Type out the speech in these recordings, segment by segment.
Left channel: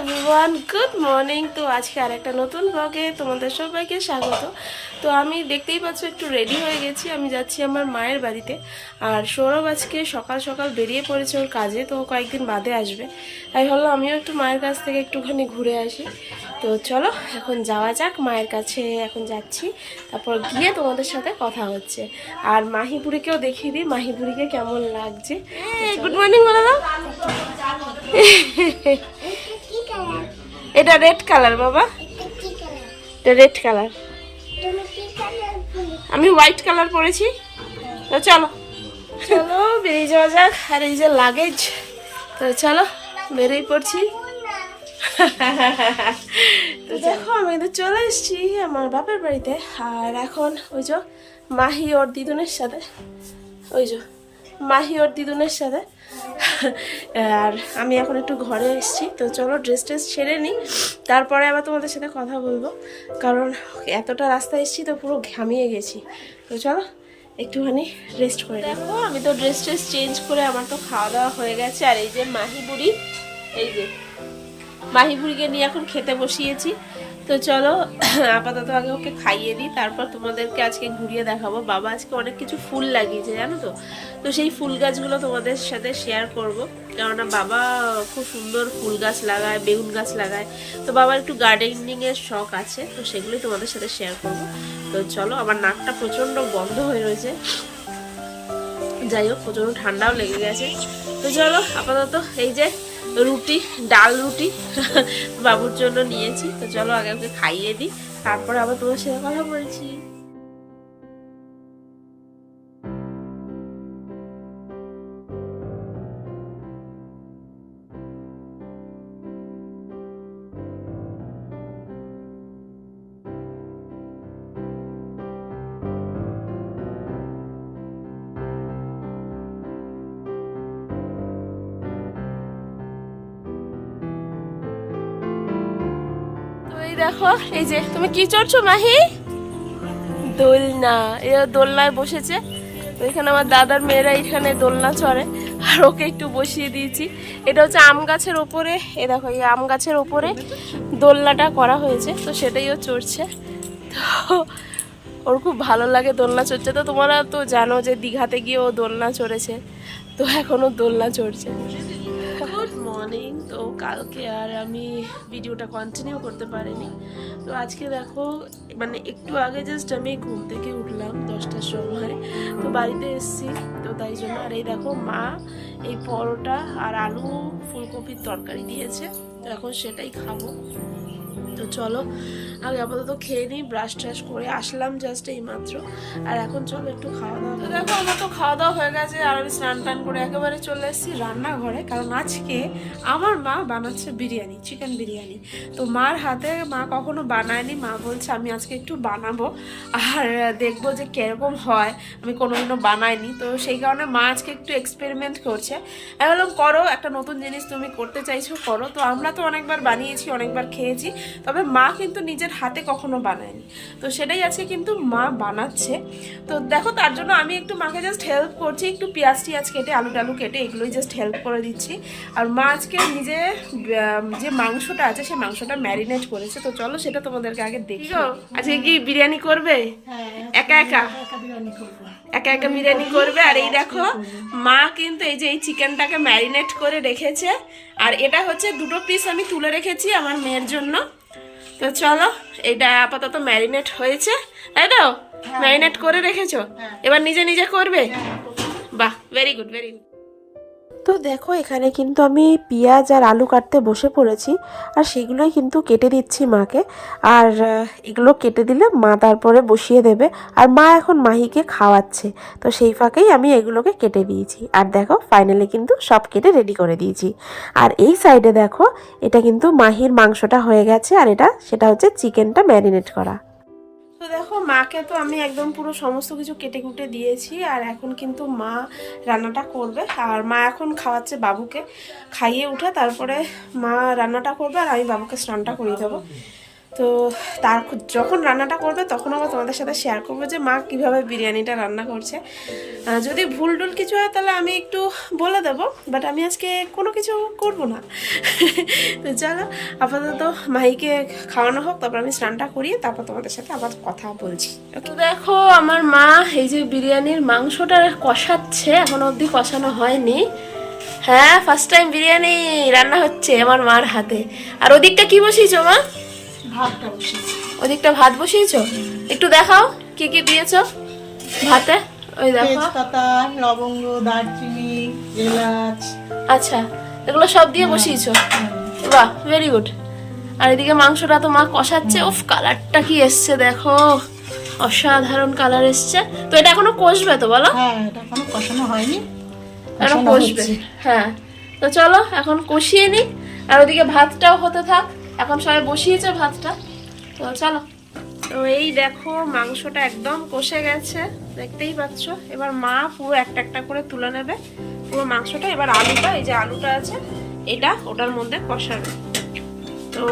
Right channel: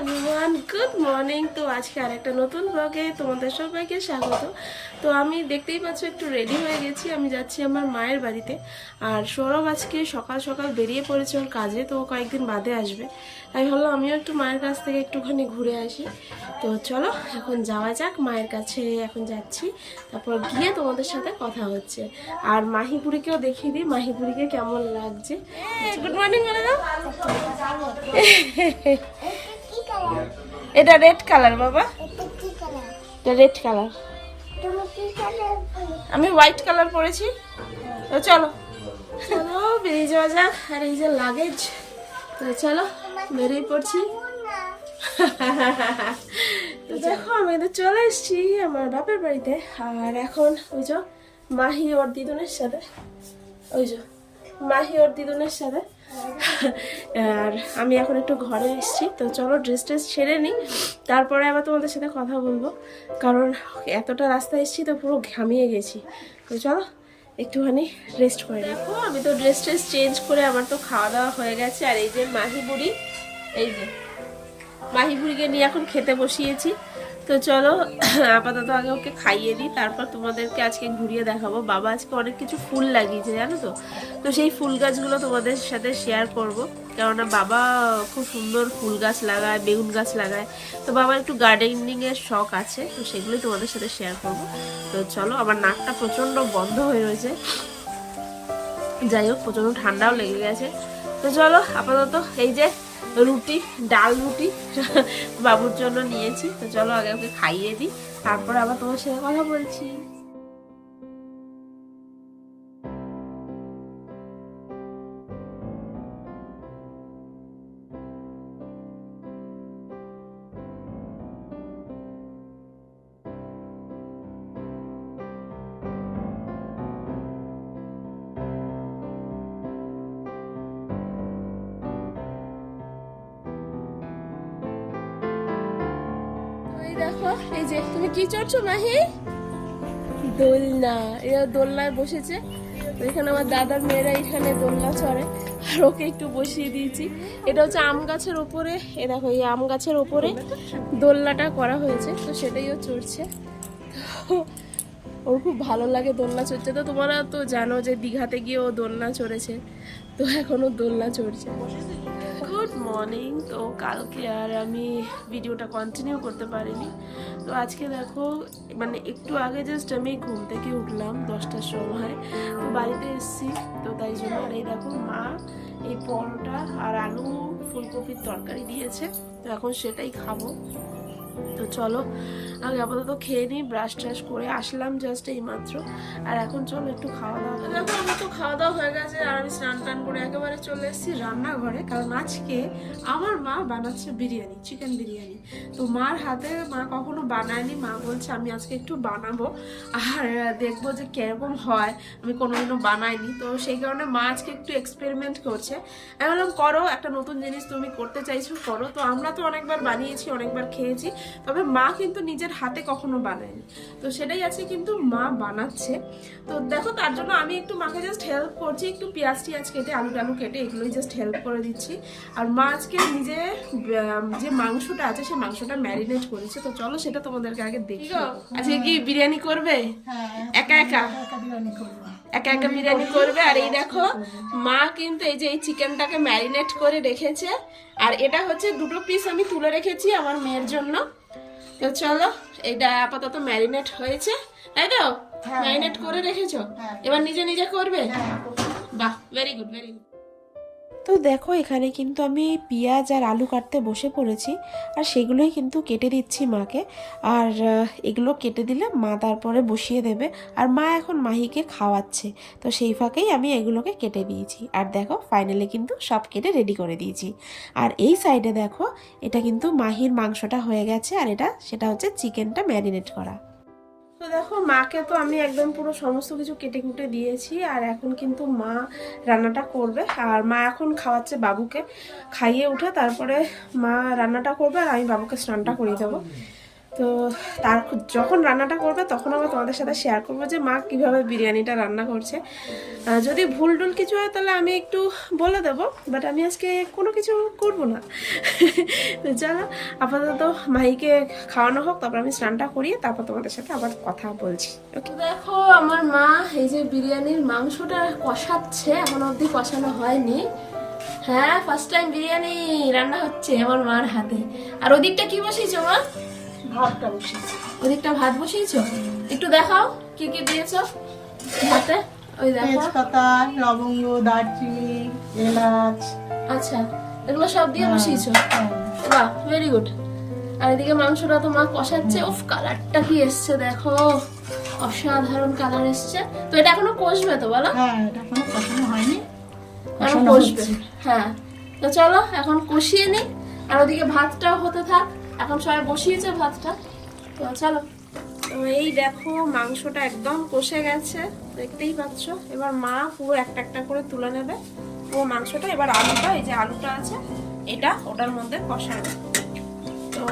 Everyone, good morning. তো আজকে আর একটা নতুন ব্লগে তোমাদের সবাইকে স্বাগত। তো আমি দেখতেই পাচ্ছ একটু রেডি হয়ে গেছি, আমি যাচ্ছি আমার মায়ের বাড়িতে। আর সৌরভ আজকে সকাল সকাল বেরিয়ে পড়েছে ওর কাজে, তো কয়েকদিন বাদে আসবে। তাই ভাবলাম আমিও একটু মায়ের কাছ থেকে একটুখানি ঘুরে আসি। তো চলো এখন যাওয়া যাক, মায়ের কাছে এখন যাচ্ছি, তারপর গিয়ে তোমাদের সাথে কথা হচ্ছে। আর মাহিপুরিকেও দেখিয়ে দিই মাহিপুরিকে কেমন লাগছে। গুড মর্নিং বলে দাও। এটা রেড কালার বাবা, এটা রেড কালার। আমি হোয়াইট কালার পরেছি। তো চলো চলো বেরিয়ে যাওয়া যাক। আর এই যে লাগেজ, তো চলো বেরিয়ে পড়ছি। তো দেখো আমি তো চলে এসেছি আমার বাপের বাড়িতে। আর এখন ওই যে মাহি ওর দিদুনের সাথে, ওই যে মাহি ওর দিদুনের সাথে। আর আমি এখন একটু ঘরে এসেছি। তো চলো ড্রেস ট্রেস ছেড়ে নিই, তারপরে আবার তোমাদের সাথে কথা বলবো, কারণ এতটা রাস্তা এসেছি তো পুরো ঘামিয়ে গেছি। তো চলো একটুখানি রেস্ট করে। দেখো আমি তো ড্রেস ট্রেস চেঞ্জ করে আমার তো খাওয়া দাওয়া হয়ে গেছে। আর এই যে মাহি বুড়ি, এই যে মাহি বুড়িকে নিয়ে এখন খেতে বসিয়েছি। তো চলো আপাতত আগে ওকে খাইয়ে দিই, তারপর তোমাদেরকে আজকে ঘুরিয়ে দেখাবো। বাবা আজকে অনেক কিছু ফুল লাগিয়েছে জানো তো, তো সেই ফুল গাছগুলো তোমাদের সাথে শেয়ার করব। কেননা বাবা খুব সুন্দর ফুল গাছ লাগায়, বেগুন গাছ লাগায়। তো বাবার একটু গার্ডেনিংয়ের শখ আছে, তো সেগুলোই তোমাদের সাথে শেয়ার করব। তো চলো, আমার নাকটা প্রচণ্ড বন্ধ হয়ে রয়েছে, যাই হোক প্রচণ্ড ঠান্ডাও লেগে গেছে। তো চলো আপাতত এই যে রুটি, ডাল রুটি বাবুর জন্য নিয়েছি। তো চলো আগে ওকে খাইয়ে দিই, তারপরে আবার তোমার সাথে কথা বলছি। দেখো এই যে তুমি কি চড়ছো মাহি? দোলনা। এ দোলনায় বসেছে। তো এখানে আমার দাদার মেয়েরা এখানে দোলনা চড়ে, আর ওকে একটু বসিয়ে দিয়েছি। এটা হচ্ছে আম গাছের ওপরে, এ দেখো এই আম গাছের ওপরে দোলনাটা করা হয়েছে, তো সেটাই ও চড়ছে। তো ওর খুব ভালো লাগে দোলনা চড়ছে। তো তোমরা তো জানো যে দীঘাতে গিয়ে ও দোলনা চড়েছে, তো এখনও দোলনা চড়ছে। Good morning. তো কালকে আর আমি ভিডিওটা কন্টিনিউ করতে পারিনি। তো আজকে দেখো মানে একটু আগে জাস্ট আমি ঘুম থেকে উঠলাম 10টার সময়, তো বাড়িতে এসেছি। তো তাই জন্য আর এই দেখো মা এই পরোটা আর আলু ফুলকপির তরকারি দিয়েছে, তো এখন সেটাই খাবো। তো চলো আগে আপাতত খেয়ে নিই, ব্রাশ ট্রাশ করে আসলাম জাস্ট এই মাত্র। আর এখন চলো একটু খাওয়া দাওয়া। দেখো আমার তো খাওয়া দাওয়া হয়ে গেছে, আর আমি স্নান টান করে একেবারে চলে এসেছি রান্নাঘরে, কারণ আজকে আমার মা বানাচ্ছে বিরিয়ানি, চিকেন বিরিয়ানি। তো মার হাতে মা কখনো বানায়নি, মা বলছে আমি আজকে একটু বানাবো আর দেখবো যে কিরকম হয়, আমি কোনোদিনও বানাইনি। তো সেই কারণে মা আজকে একটু এক্সপেরিমেন্ট করছে। আমি বললাম করো, একটা নতুন জিনিস তুমি করতে চাইছো করো। তো আমরা তো অনেকবার বানিয়েছি, অনেকবার খেয়েছি, তবে মা কিন্তু নিজের হাতে কখনো বানায়নি। তো সেটাই আজকে কিন্তু মা বানাচ্ছে। তো দেখো তার জন্য আমি একটু মাকে জাস্ট হেল্প করছি, একটু পেঁয়াজ টিয়াজ কেটে আলু টালু কেটে এগুলোই জাস্ট হেল্প করে দিচ্ছি। আর মা আজকে নিজে যে মাংসটা আছে সেই মাংসটা ম্যারিনেট করেছে। তো চলো সেটা তোমাদেরকে আগে দেখি। আজকে কি বিরিয়ানি করবে? একা একা একা একা বিরিয়ানি করবে। আর এই দেখো মা কিন্তু এই যে এই চিকেনটাকে ম্যারিনেট করে রেখেছে, আর এটা হচ্ছে 2টো পিস আমি তুলে রেখেছি আমার মেয়ের জন্য। তো চলো এটা আপাতত ম্যারিনেট হয়েছে, তাই তো? ম্যারিনেট করে রেখেছো, এবার নিজে নিজে করবে। বাহ, ভেরি গুড ভেরি গুড। তো দেখো এখানে কিন্তু আমি পেঁয়াজ আর আলু কাটতে বসে পড়েছি, আর সেগুলোই কিন্তু কেটে দিচ্ছি মাকে। আর এগুলো কেটে দিলে মা তারপরে বসিয়ে দেবে, আর মা এখন মাহিকে খাওয়াচ্ছে। তো সেই ফাঁকেই আমি এগুলোকে কেটে দিয়েছি। আর দেখো ফাইনালি কিন্তু সব কেটে রেডি করে দিয়েছি। আর এই সাইডে দেখো এটা কিন্তু মাহির মাংসটা হয়ে গেছে, আর সেটা হচ্ছে চিকেনটা ম্যারিনেট করা। তো দেখো মাকে তো আমি একদম পুরো সমস্ত কিছু কেটে কুটে দিয়েছি, আর এখন কিন্তু মা রান্নাটা করবে। আর মা এখন খাওয়াচ্ছে বাবুকে, খাইয়ে উঠে তারপরে মা রান্নাটা করবে, আর আমি বাবুকে স্নানটা করিয়ে দেবো। তো তার যখন রান্নাটা করবে তখন আবার তোমাদের সাথে শেয়ার করবো যে মা কীভাবে বিরিয়ানিটা রান্না করছে। যদি ভুল টুল কিছু হয় তাহলে আমি একটু বলে দেবো, বাট আমি আজকে কোনো কিছু করব না। তো চলো আপাতত মাহিকে খাওয়ানো হোক, তারপর আমি স্নানটা করিয়ে তারপর তোমাদের সাথে আবার কথা বলছি। ওকে, দেখো আমার মা এই যে বিরিয়ানির মাংসটা কষাচ্ছে, এখনো অবধি কষানো হয়নি। হ্যাঁ, ফার্স্ট টাইম বিরিয়ানি রান্না হচ্ছে আমার মার হাতে। আর ওদিকটা কি বসিয়েছো মা? ভাতটা বসিয়েছি। ওদিকটা ভাত বসিয়েছো, একটু দেখাও কি কি দিয়েছো ভাতে। ওই দেখো, তেজপাতা, লবঙ্গ, দারচিনি, এলাচ। আচ্ছা এগুলো সব দিয়ে বসিয়েছো, বাহ ভেরি গুড। আর এদিকে মাংসটা তো মা কষাচ্ছে। উফ, কালারটা কি এসছে দেখো, অসাধারণ কালার এসছে। তো এটা এখনো কষবে তো বলো? হ্যাঁ, এটা এখনো কষানো হয়নি, এখন কষানো কষবে। হচ্ছে। হ্যাঁ, তো চলো এখন কষিয়ে নিই, আর ওদিকে ভাতটাও হতে থাক। এখন সবাই বসিয়েছে ভাতটা, তো চলো। তো এই দেখো মাংসটা একদম কষে গেছে, দেখতেই পাচ্ছ। এবার মা পুরো একটা একটা করে তুলে নেবে পুরো মাংসটা। এবার আলুটা, এই যে আলুটা আছে এটা ওটার মধ্যে কষাবে। তো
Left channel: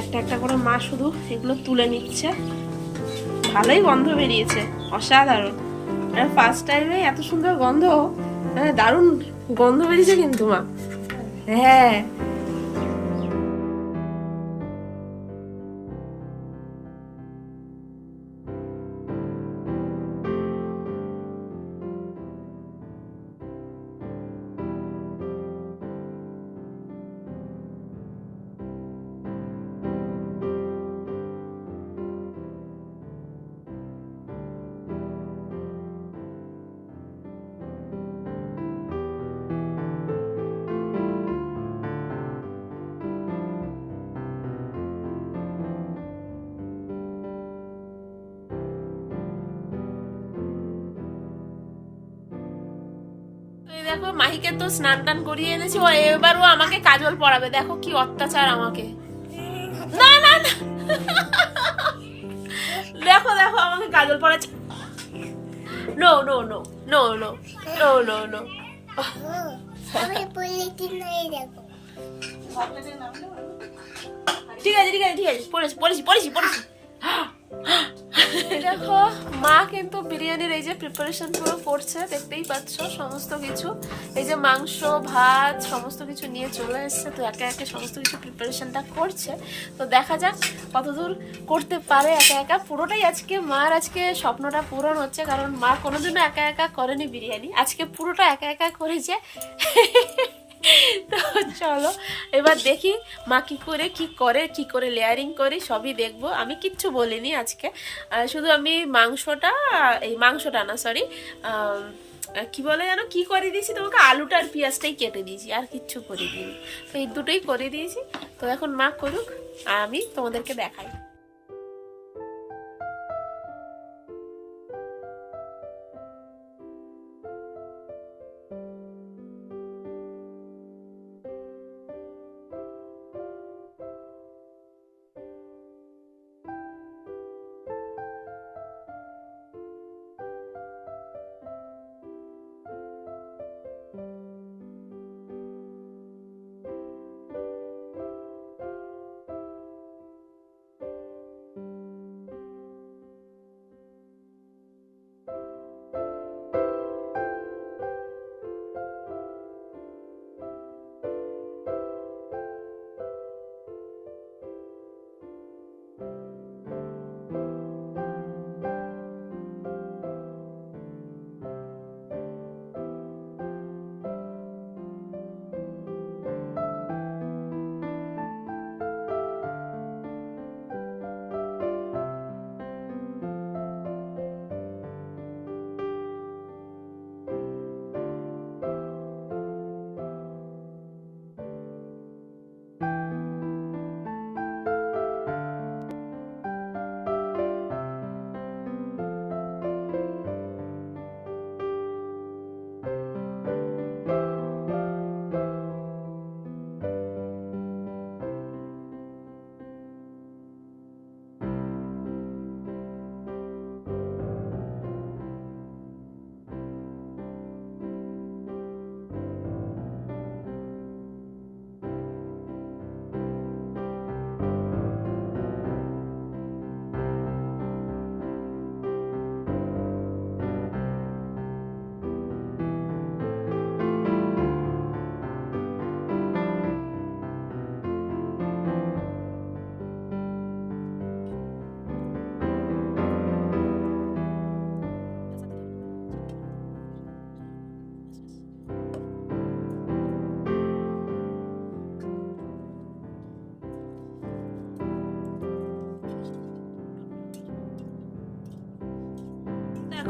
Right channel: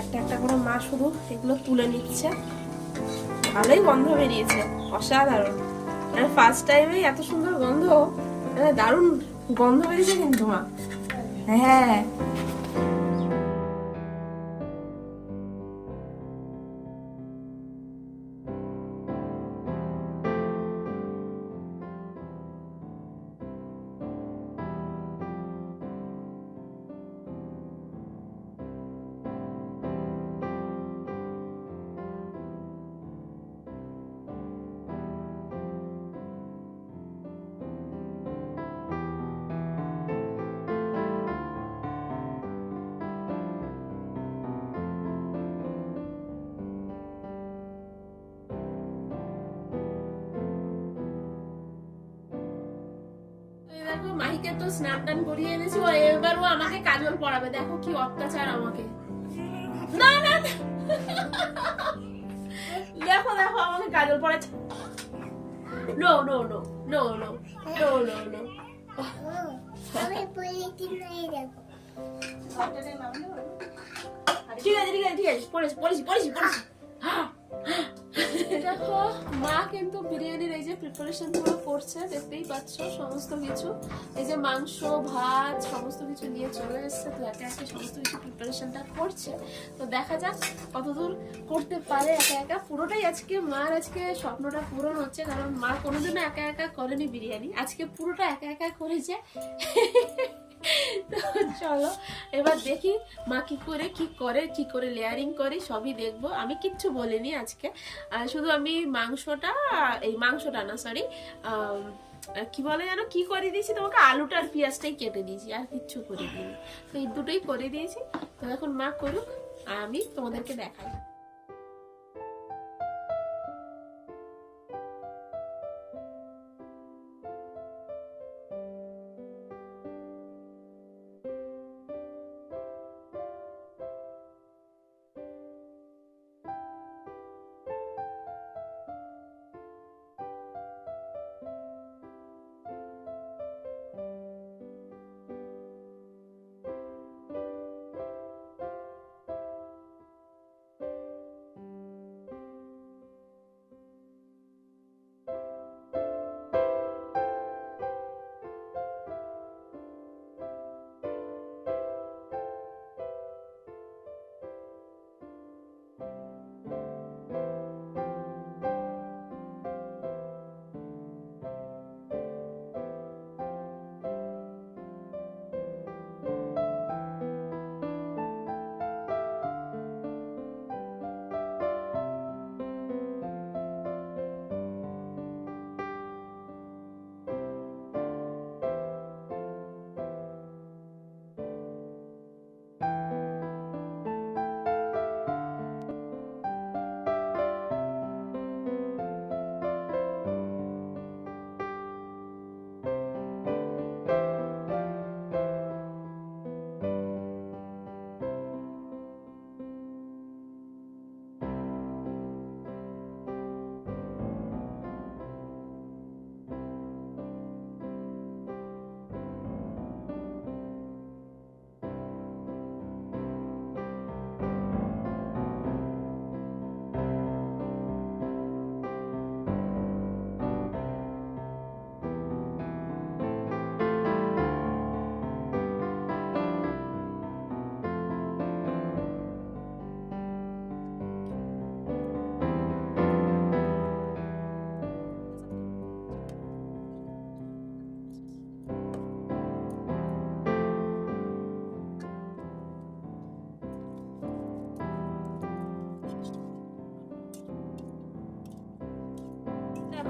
একটা একটা করে মা শুধু এগুলো তুলে নিচ্ছে। ভালোই গন্ধ বেরিয়েছে, অসাধারণ। আর ফার্স্ট টাইমে এত সুন্দর গন্ধ, দারুণ গন্ধ বেরিয়েছে কিন্তু মা। হ্যাঁ, এই দেখো মাহিকে তো স্নান টান করিয়ে এনেছি, ও এবার ও আমাকে কাজল পরাবে। দেখো কি অত্যাচার আমাকে। না না না, দেখো দেখো আমাকে কাজল পরাচ্ছে। No no no no no no no no. আমি বলেছি নাই দেখো। ঠিক আছে ঠিক আছে ঠিক আছে, পড়েছি পড়েছি পড়েছি পড়েছি। দেখো মা কিন্তু বিরিয়ানির এই যে প্রিপারেশন পুরো করছে, দেখতেই পাচ্ছ সমস্ত কিছু। এই যে মাংস ভাত সমস্ত কিছু নিয়ে চলে এসছে, তো একে একে সমস্ত কিছু প্রিপারেশনটা করছে। তো দেখা যাক কতদূর করতে পারে একা একা। পুরোটাই আজকে মার, আজকে স্বপ্নটা পূরণ হচ্ছে, কারণ মা কোনোদিনও একা একা করেনি বিরিয়ানি, আজকে পুরোটা একা একা করেছে। তো চলো এবার দেখি মা কি করে লেয়ারিং করে সবই দেখবো। আমি কিচ্ছু বলিনি আজকে, শুধু আমি মাংসটা না সরি, কি বলে জানো কি করে দিয়েছি তোমাকে, আলুটা আর পেঁয়াজটাই কেটে দিয়েছি, আর কিচ্ছু করে দিইনি। তো এই দুটোই করে দিয়েছি। তো এখন মা করুক আর আমি তোমাদেরকে দেখাই।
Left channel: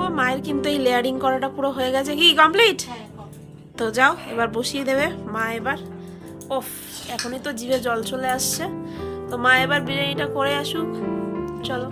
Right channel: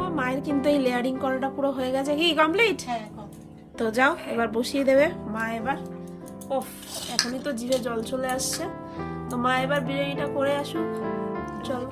দেখো মায়ের কিন্তু এই লেয়ারিং করাটা পুরো হয়ে গেছে, কি কমপ্লিট? হ্যাঁ তো যাও এবার বসিয়ে দেবে মা এবার। ওফ, এখনই তো জিভে জল চলে আসছে। তো মা এবার বিরিয়ানিটা করে আসুক, চলো।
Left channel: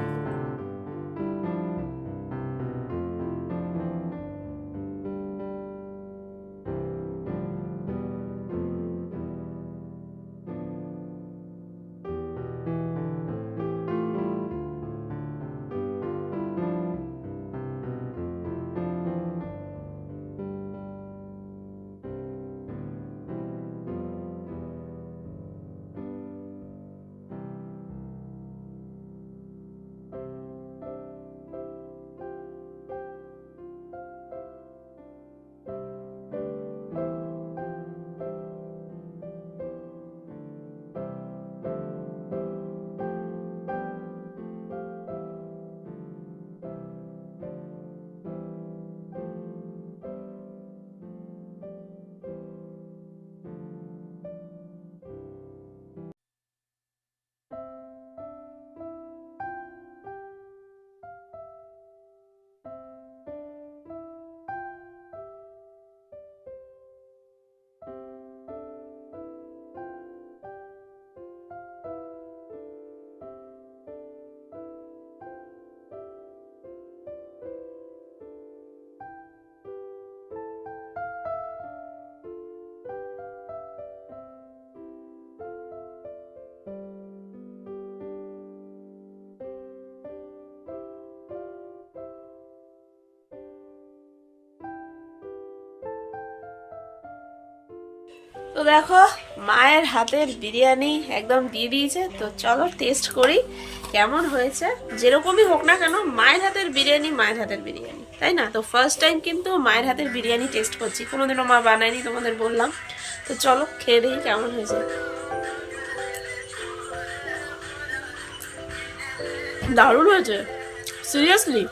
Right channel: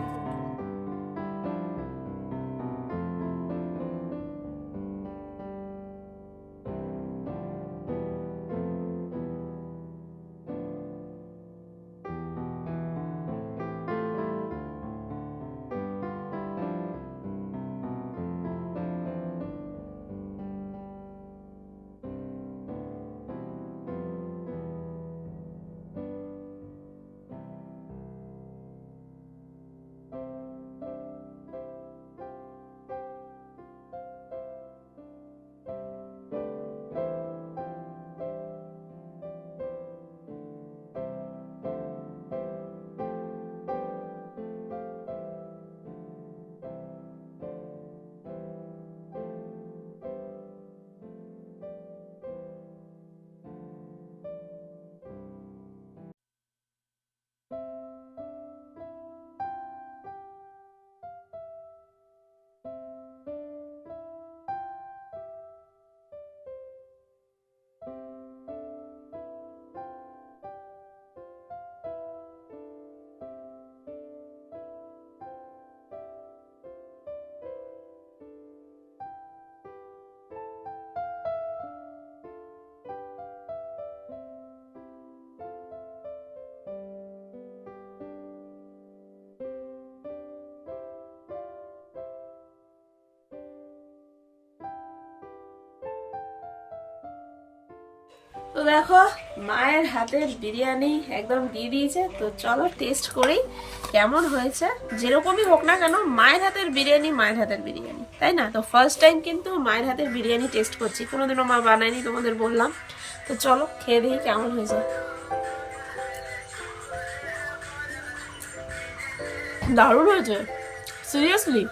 তো দেখো মায়ের হাতের বিরিয়ানি একদম দিয়ে দিয়েছে। তো চলো টেস্ট করি কেমন হয়েছে। যেরকমই হোক না কেন মায়ের হাতের বিরিয়ানি মায়ের হাতের বিরিয়ানি, তাই না? তো ফার্স্ট টাইম কিন্তু মায়ের হাতের বিরিয়ানি টেস্ট করছি, কোনোদিনও মা বানায়নি, তোমাদের বললাম। তো চলো খেয়ে দেখি কেমন হয়েছে। দারুণ হয়েছে, সিরিয়াসলি।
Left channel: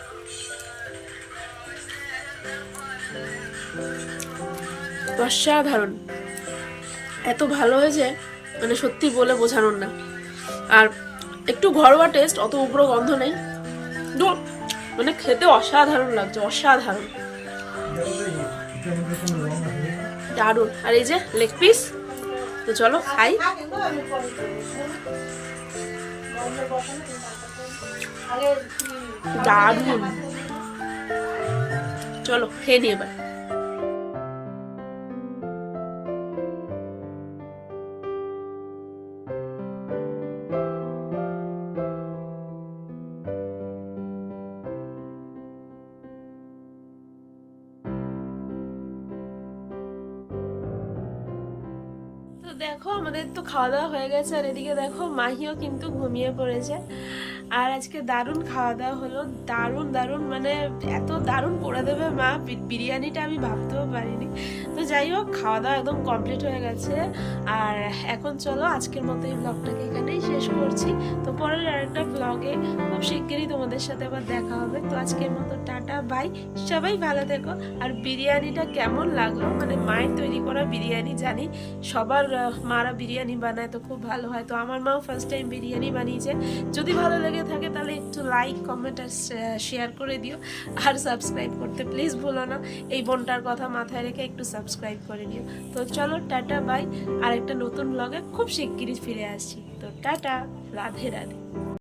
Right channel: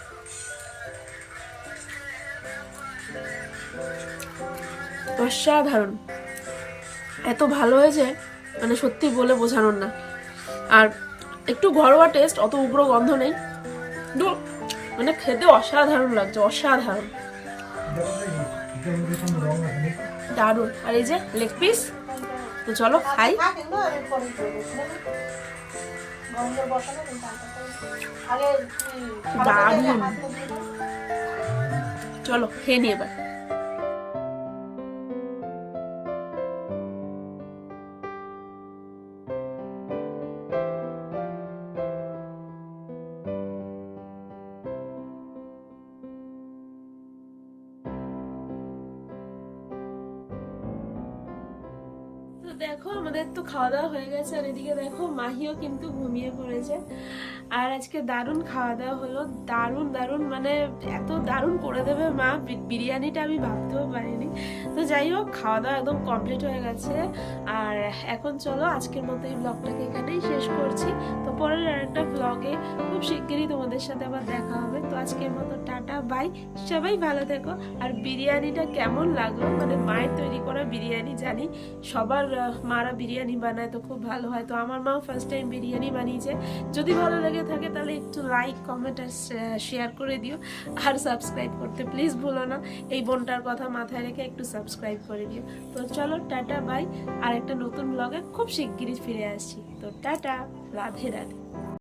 অসাধারণ, এত ভালো হয়েছে মানে সত্যি বলে বোঝানোর না। আর একটু ঘরোয়া টেস্ট, অত উগ্র গন্ধ নেই, মানে খেতে অসাধারণ লাগছে, অসাধারণ, দারুণ। আর এই যে লেগ পিস, তো চলো খাই। দারুণ, চলো খেয়ে নি এবার। তো দেখো আমাদের তো খাওয়া দাওয়া হয়ে গেছে, আর এদিকে দেখো মাহিও কিন্তু ঘুমিয়ে পড়েছে। আর আজকে দারুণ খাওয়া দাওয়া হলো, দারুণ দারুণ, মানে এত দারুণ করে দেবে মা বিরিয়ানিটা আমি ভাবতেও পারিনি। তো যাই হোক খাওয়া দাওয়া একদম কমপ্লিট হয়ে গেছে। আর এখন চলো আজকের মতো এই ব্লগটাকে এখানেই শেষ করছি। তো পরের আরেকটা ব্লগে খুব শিগগিরই তোমাদের সাথে আবার দেখা হবে। তো আজকের মতো টাটা বাই, সবাই ভালো থেকো। আর বিরিয়ানিটা কেমন লাগলো, মানে মায়ের তৈরি করা বিরিয়ানি, জানি সবার মারা বিরিয়ানি বানায় তো খুব ভালো হয়। তো আমার মাও ফার্স্ট টাইম বিরিয়ানি বানিয়েছে। যদি ভালো লেগে থাকে তাহলে একটু লাইক কমেন্ট আর শেয়ার করে দিও, আর সাবস্ক্রাইব করতে প্লিজ ভুলো না। এই বোনটার কথা মাথায় রেখে একটু সাবস্ক্রাইব করে দিও। তো চলো টাটা বাই, আর একটা নতুন ব্লগে খুব শিগগিরই ফিরে আসছি। তো টাটা, রাধে রাধে।